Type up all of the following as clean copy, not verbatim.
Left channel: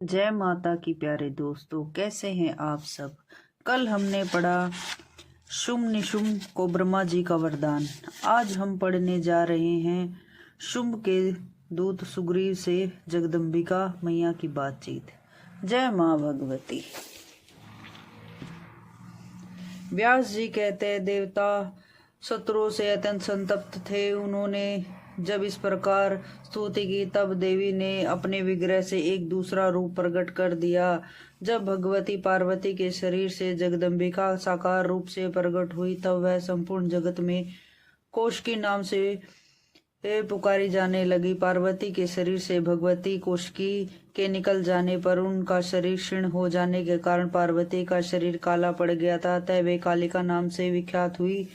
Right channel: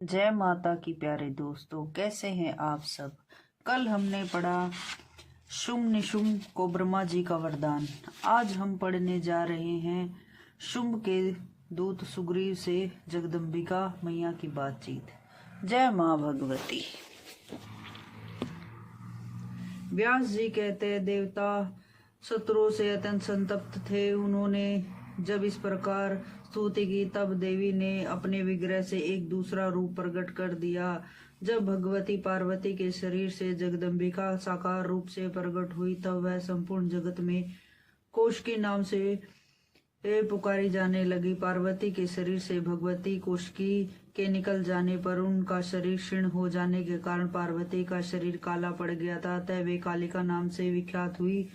जय माता की प्यारे दोस्तों, कैसे हैं आप सब। कल हमने पढ़ा शुंभ निशुंभ को ब्रह्मा जी का वरदान। आज हम पढ़ने जा रहे हैं शुंभ के दूत सुग्रीव से जगदम्बिका मैया की बातचीत। जय माँ भगवती। व्यास जी कहते हैं, देवता शत्रुओं से अत्यंत संतप्त थे। उन्होंने जब इस प्रकार स्तुति की, तब देवी ने अपने विग्रह से एक दूसरा रूप प्रकट कर दिया। जब भगवती पार्वती के शरीर से जगदम्बिका साकार रूप से प्रकट हुई, तब वह संपूर्ण जगत में कौशिकी नाम से पुकारी जाने लगी। पार्वती के शरीर से भगवती कौशिकी के निकल जाने पर उनका शरीर क्षीण हो जाने के कारण पार्वती का शरीर काला पड़ गया था। अतः वे कालिका नाम से विख्यात हुई।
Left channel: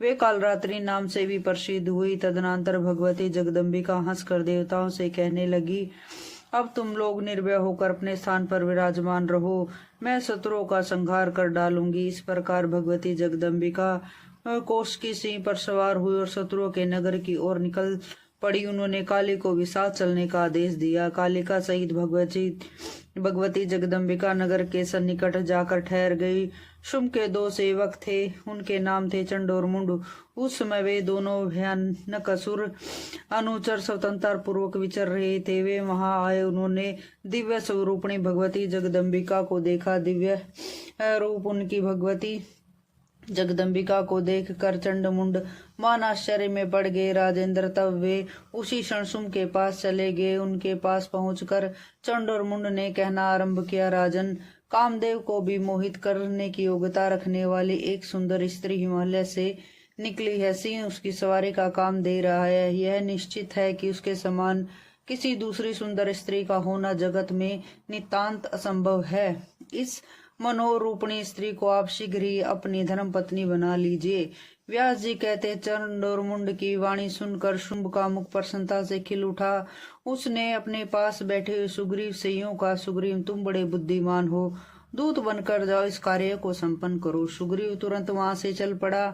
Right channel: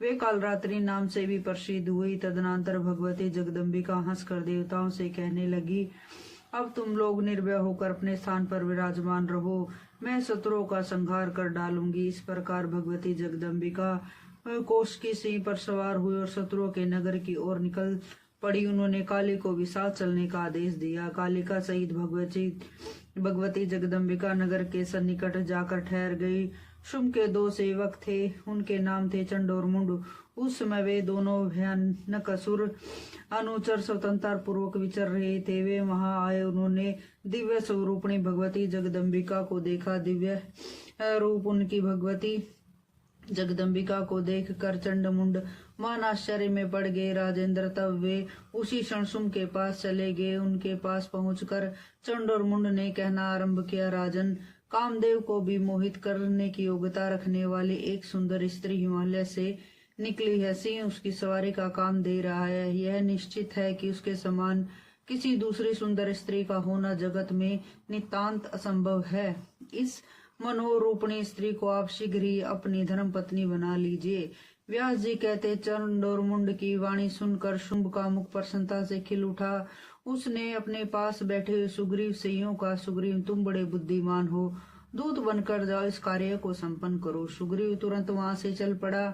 वे कालरात्रि नाम से भी प्रसिद्ध हुई। तदनंतर भगवती जगदम्बिका हंसकर देवताओं से कहने लगी, अब तुम लोग निर्भय होकर अपने स्थान पर विराजमान रहो, मैं शत्रुओं का संहार कर डालूंगी। इस प्रकार भगवती जगदम्बिका कौशिकी सिंह पर सवार हुई और शत्रुओं के नगर की ओर निकल पड़ी। उन्होंने काली को भी साथ चलने का आदेश दिया। कालिका सहित भगवती जगदम्बिका नगर के सन्निकट जाकर ठहर गई। शुंभ के दो सेवक थे, उनके नाम थे चंड और मुंड। उस समय वे दोनों भयानक असुर अनुचर स्वतंत्र पूर्वक विचर रहे थे। वे वहां आए। उन्होंने दिव्य स्वरूपणी भगवती जगदम्बिका को देखा। दिव्य रूप उनकी भगवती जगदम्बिका को देखकर चंड मुंड मान आश्चर्य में पड़ गए। राजेंद्र, तब वे उसी क्षण शुंभ के पास चले गए। उनके पास पहुंचकर चंड और मुंड ने कहना आरंभ किया, राजन, कामदेव को भी मोहित करने की योग्यता रखने वाली एक सुंदर स्त्री हिमालय से निकली है। सिंह उसकी सवारी का काम दे रहा है। यह निश्चित है कि उसके समान किसी दूसरी सुंदर स्त्री का होना जगत में नितांत असंभव है। इस मनोरूपणी स्त्री को आप शीघ्र ही अपनी धर्म पत्नी बना लीजिए। व्यास जी कहते, चंड और मुंड की वाणी सुनकर शुंभ का मुख प्रसन्नता से खिल उठा। उसने अपने पास बैठे हुए सुग्रीव से यूं कहा, सुग्रीव, तुम बड़े बुद्धिमान हो, दूत बनकर जाओ, इस कार्य को संपन्न करो। सुग्रीव तुरंत वहां से चल पड़ा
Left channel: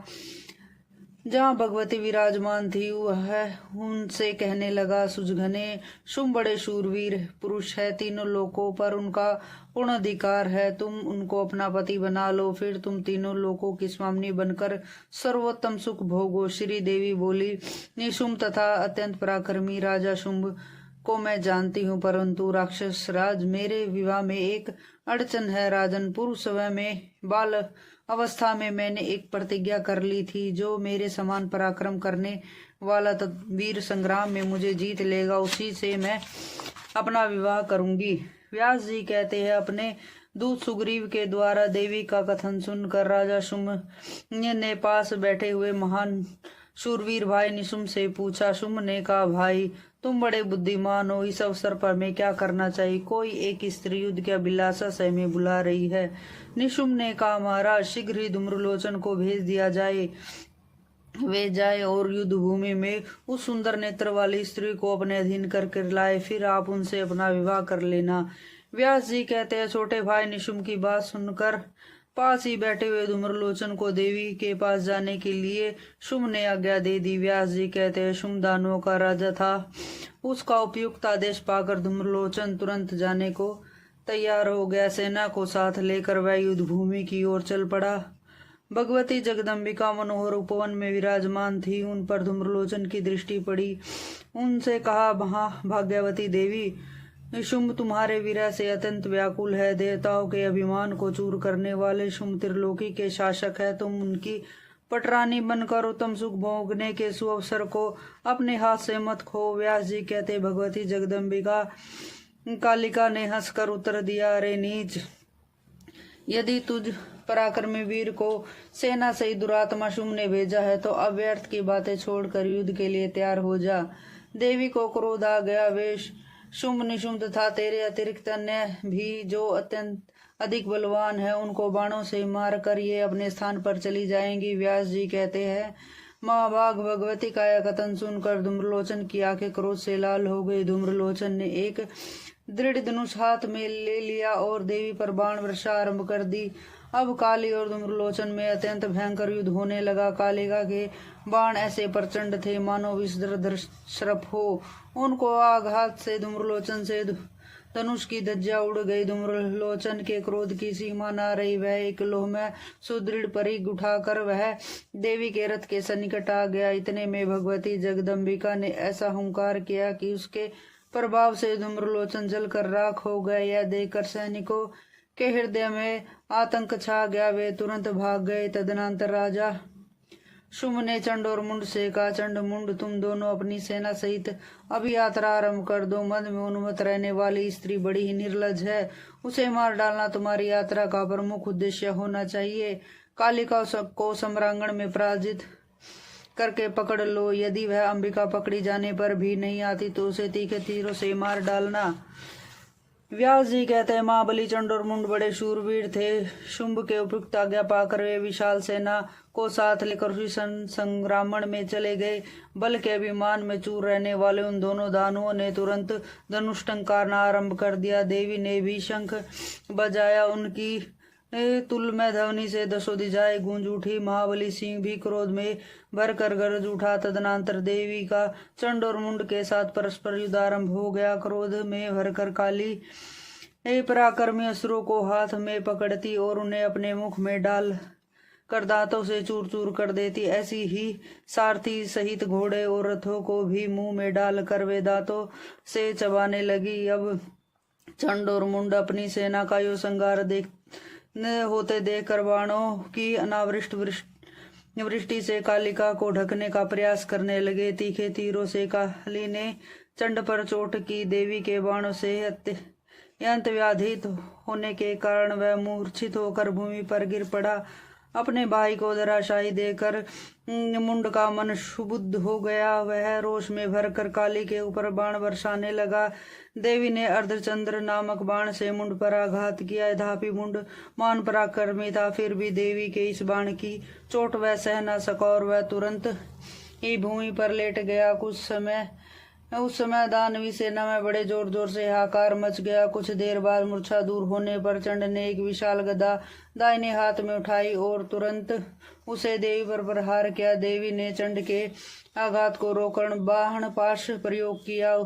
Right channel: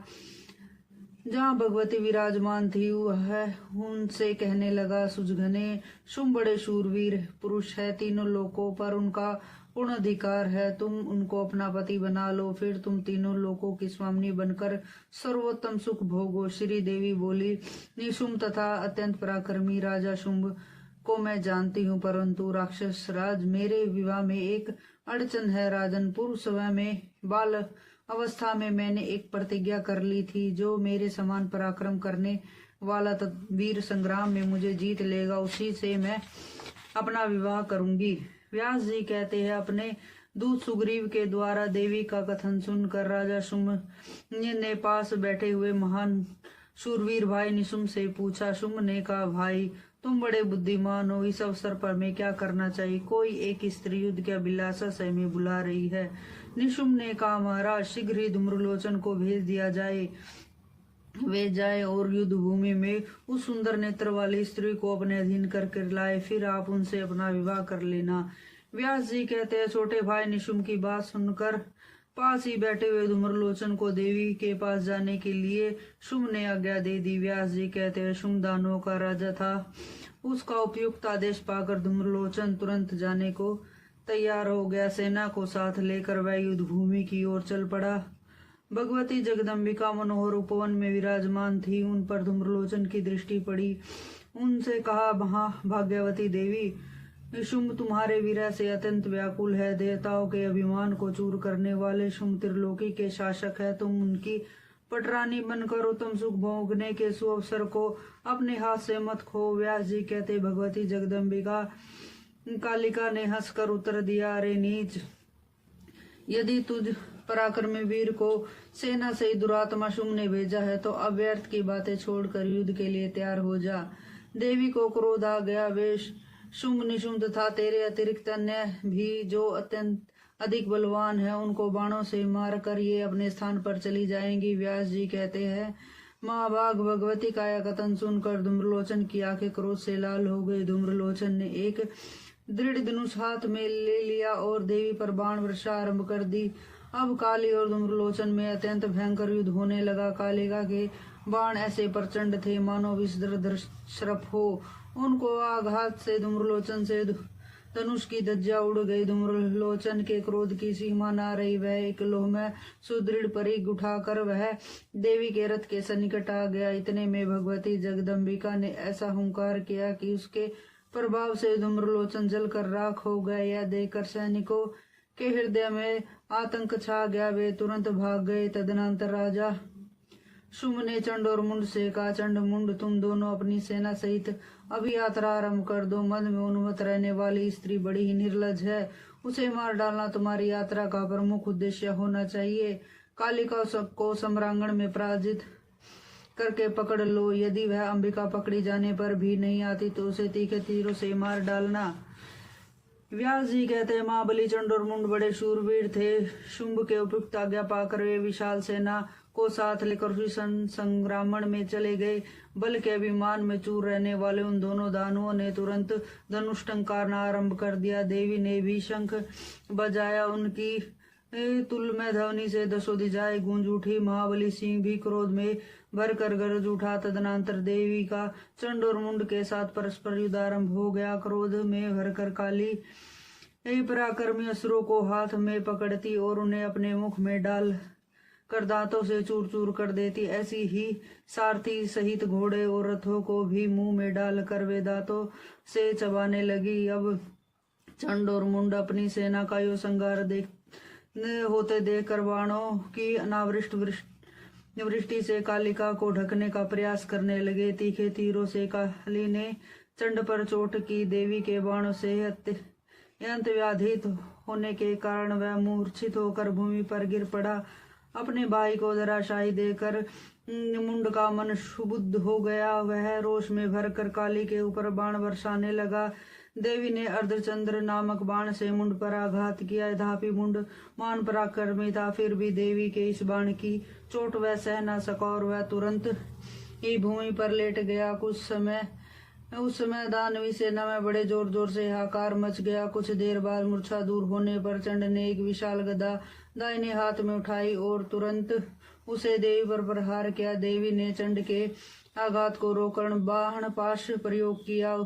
जहाँ भगवती विराजमान थी। वह उनसे कहने लगा, सुजघने, शुंभ बड़े शूरवीर पुरुष है, तीनों लोकों पर उनका पूर्ण अधिकार है। तुम उनको अपना पति बना लो, फिर तुम तीनों लोकों की स्वामिनी बनकर सर्वोत्तम सुख भोगो। श्री देवी बोली, निशुंभ तथा अत्यंत पराक्रमी राजा शुंभ को मैं जानती हूँ, परंतु राक्षस राज, मेरे विवाह में एक अड़चन है। राजन, पूर्व समय में बाल अवस्था में मैंने एक प्रतिज्ञा कर ली थी, जो मेरे समान पराक्रम करने वाला वीर संग्राम में मुझे जीत लेगा, उसी से मैं अपना विवाह करूंगी। व्यास जी कहते हैं, अपने दूत सुग्रीव के द्वारा देवी का कथन सुनकर राजा शुंभ ने पास बैठे हुए महान शूरवीर भाई निशुंभ से पूछा। शुंभ ने कहा, भाई, तुम बड़े बुद्धिमान हो, इस अवसर पर मैं क्या करना चाहिए? कोई एक स्त्री युद्ध के अभिलाषा में बुला रही है। निशुंभ ने कहा, महाराज, शीघ्र ही धूम्रलोचन को भेज दिया जाए। वे जाए और युद्ध भूमि में उस सुंदर नेत्र वाली स्त्री को अपने अधीन करके लाए, फिर आप उनसे अपना विवाह कर लेना। व्यास जी कहते हैं, छोटे भाई निशुंभ की बात सुनकर पास ही बैठे हुए धूम्रलोचन को देवी के पास जाने के लिए शुंभ ने आज्ञा दे दी। व्यास जी कहते हैं, शुंभ दानवों का राजा था। उसका उपयुक्त आदेश पाकर धूम्रलोचन तुरंत जाने को तैयार हो गया। सेना को साथ लेकर वह युद्ध भूमि की ओर चल पड़ा। भगवती जगदम्बिका मनोहर उपवन में विराजमान थी। उन पर धूम्रलोचन की दृष्टि पड़ी। उनसे कहा, भाग्यवती देवी, शुंभ तुम्हारे विरह से अत्यंत व्याकुल है। देवताओं के अभिमान को चूर करने वाले शुंभ त्रिलोकी के शासक है। तुम उनकी पटरानी बनकर उत्तम सुख भोगने के सुअवसर को अपने हाथ से मत खो। व्यास जी कहते, भगवती जगदम्बिका कालिका ने हंसकर उत्तर दिया, अरे नीच, यदि तुझ पराक्रमी वीर को सेना से दुरात्मा शुंभ ने भेजा है, तो अव्यर्थ की बातें छोड़कर युद्ध के लिए तैयार हो जा। देवी को क्रोध आ गया। वे शुंभ निशुंभ तथा तेरे अतिरिक्त अन्य भी जो अत्यंत अधिक बलवान है, उनको बाणों से मार कर ये अपने स्थान पर चली जाएंगी। व्यास जी कहते हैं, महाभाग भगवती का यह कथन सुनकर धूम्रलोचन की आंखें क्रोध से लाल हो गई। धूम्रलोचन ने एक दृढ़ धनुष हाथ में ले लिया और देवी पर बाण वर्षा आरंभ कर दी। अब काली और धूम्रलोचन में अत्यंत भयंकर युद्ध होने लगा। कालिका के बाण ऐसे प्रचंड थे, मानो विषधर सर्प हो। उनको आघात से धूम्रलोचन से धनुष की धज्जा उड़ गई। धूम्रलोचन के क्रोध की सीमा न रही। वह एक लोह में सुदृढ़ परिग उठाकर वह देवी के रथ के सन्निकट आ गया। इतने में भगवती जगदम्बिका ने ऐसा हुंकार किया कि उसके प्रभाव से धूम्रलोचन जलकर राख हो गए। यह देखकर सैनिकों के हृदय में आतंक छा गया। वे तुरंत भाग गए। तदनंतर राजा शुंभ ने चंड और मुंड से कहा, चंड मुंड, तुम दोनों अपनी सेना सहित अभी यात्रा आरंभ कर दो। मद में उन्मत्त रहने वाली स्त्री बड़ी ही निर्लज है। उसे मार डालना तुम्हारी यात्रा का प्रमुख उद्देश्य होना चाहिए। कालिका को सम्रांगण में पराजित करके पकड़ लो। यदि वह अंबिका पकड़ी जाने पर भी नहीं आती तो उसे तीखे तीरों से मार डालना। व्यास जी कहते हैं, महाबली चंड और मुंड बड़े शूरवीर थे। शुंभ के उपयुक्त आज्ञा पाकर वे विशाल सेना को साथ लेकर उसी संग्रामण में चले गए। बल के अभिमान में चूर रहने वाले उन दोनों दानवों ने तुरंत धनुष टंकारना आरंभ कर दिया। देवी ने भी शंख बजाया। उनकी तुलमय ध्वनि से दसों दिशाएं गूंज उठी। महाबली सिंह भी क्रोध में भरकर गरज उठा। तदनंतर देवी का चंड और मुंड के साथ परस्पर युद्ध आरंभ हो गया। क्रोध में भरकर काली पराक्रमी असुरों को हाथ में पकड़ती और उन्हें अपने मुख में डाल कर दांतों से चूर चूर कर देती। ऐसी ही सारथी सहित घोड़े और रथों को भी मुंह में डाल कर वे दांतों से चबाने लगी। अब चंड और मुंड अपनी सेना का यो संगार होते देखकर बाणों की अनावृष्ट वृष्टि से कालिका को ढकने का प्रयास करने लगे। तीखे तीरों से काली ने चंड पर चोट की। देवी के बाणों से अत्यंत व्याधित होने के कारण वह मूर्छित होकर भूमि पर गिर पड़ा। अपने भाई को धराशायी देकर मुंड का मन क्षुब्ध हो गया। वह रोष में भरकर काली के ऊपर बाण बरसाने लगा। देवी ने अर्धचंद्र नामक बाण से मुंड पर आघात किया। यद्यपि मुंड मान पराक्रमी था, फिर भी देवी के इस बाण की चोट वह सह न सका और वह तुरंत ही भूमि पर लेट गया। उस समय दानवी सेना में बड़े जोर जोर से हाहाकार मच गया। कुछ देर बाद मूर्छा दूर होने पर चंड ने एक विशाल गदा दाहिने हाथ में उठाई और तुरंत उसे देवी पर प्रहार किया। देवी ने चंड के आघात को रोककर बाण पाश प्रयोग किया,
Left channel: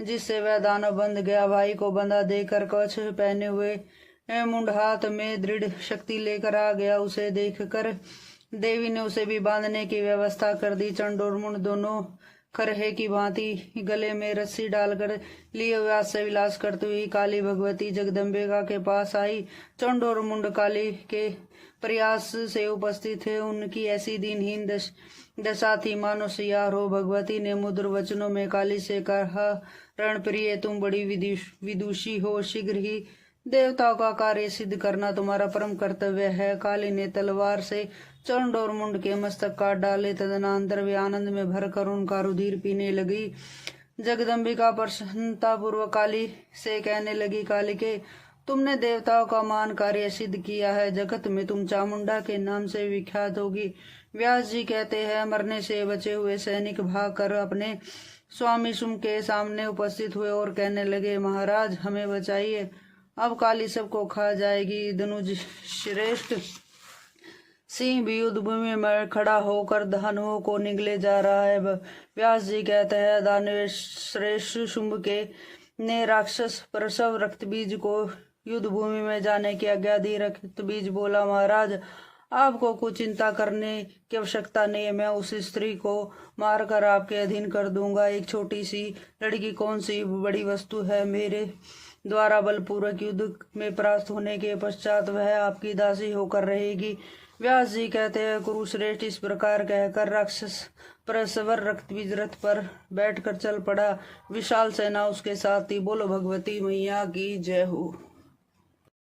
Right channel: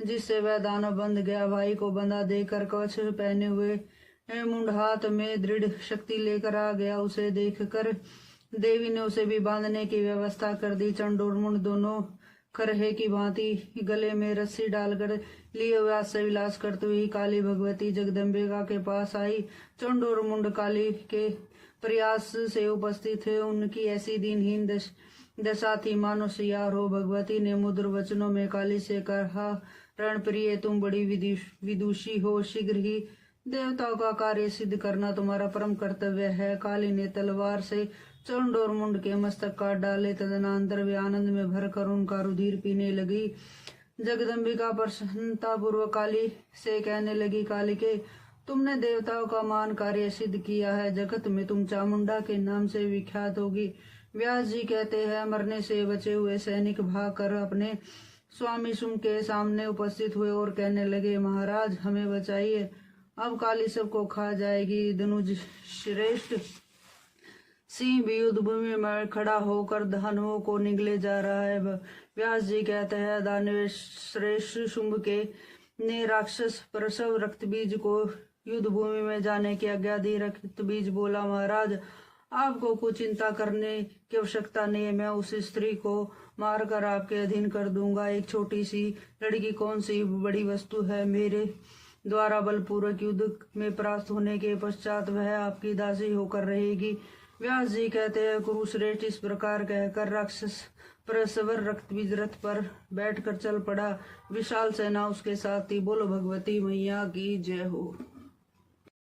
जिससे वह दानव बंध गया। भाई को बंधा देकर कवच पहने हुए मुंड हाथ में दृढ़ शक्ति लेकर आ गया। उसे देखकर देवी ने उसे भी बांधने की व्यवस्था कर दी। चंड और मुंड दोनों खरहे की भांति गले में रस्सी डालकर लिए हुए हास्य विलास करते हुए काली भगवती जगदम्बिका के पास आई। चंड और मुंड काली के प्रयास से उपस्थित थे। उनकी ऐसी दीनहीन दशा थी मानो सियार हो। भगवती ने मुद्र वचनों में काली से कहा, रणप्रिय, तुम बड़ी विदुषी हो। शीघ्र ही देवताओं का कार्य सिद्ध करना तुम्हारा परम कर्तव्य है। काली ने तलवार से चंड और मुंड के मस्तक काट डाले। तदनंतर वे आनंद में भरकर उनका रुधिर पीने लगी। जगदम्बिका प्रसन्नता पूर्वक काली से कहने लगी, कालिके, तुमने देवताओं का मान कार्य सिद्ध किया है। जगत में तुम चामुंडा के नाम से विख्यात होगी। व्यास जी कहते हैं, मरने से बचे हुए सैनिक भाग कर अपने स्वामी शुंभ के सामने उपस्थित हुए और कहने लगे, महाराज हमें बचाइए, अब काली सबको खा जाएगी। धनुज श्रेष्ठ सिंह भी युद्ध भूमि में खड़ा होकर दानवों को निगले जा रहा है। व्यास जी कहते हैं, दानव श्रेष्ठ शुंभ के ने राक्षस प्रसव रक्तबीज को युद्ध भूमि में जाने की आज्ञा दी। रक्तबीज बोला, महाराज आपको कुछ चिंता करने की आवश्यकता नहीं है। मैं उस स्त्री को मारकर आपके अधीन कर दूंगा। एक छोटी सी लड़की कौन सी बड़ी वस्तु है। मेरे द्वारा बलपूर्वक युद्ध में परास्त होने के पश्चात वह आपकी दासी होकर रहेगी। व्यास जी कहते हैं, कुरुश्रेष्ठ इस प्रकार कहकर राक्षस प्रसवर रक्तबीज रथ पर बैठकर चल पड़ा। विशाल सेना उसके साथ थी। बोलो भगवती मैया की जय हो।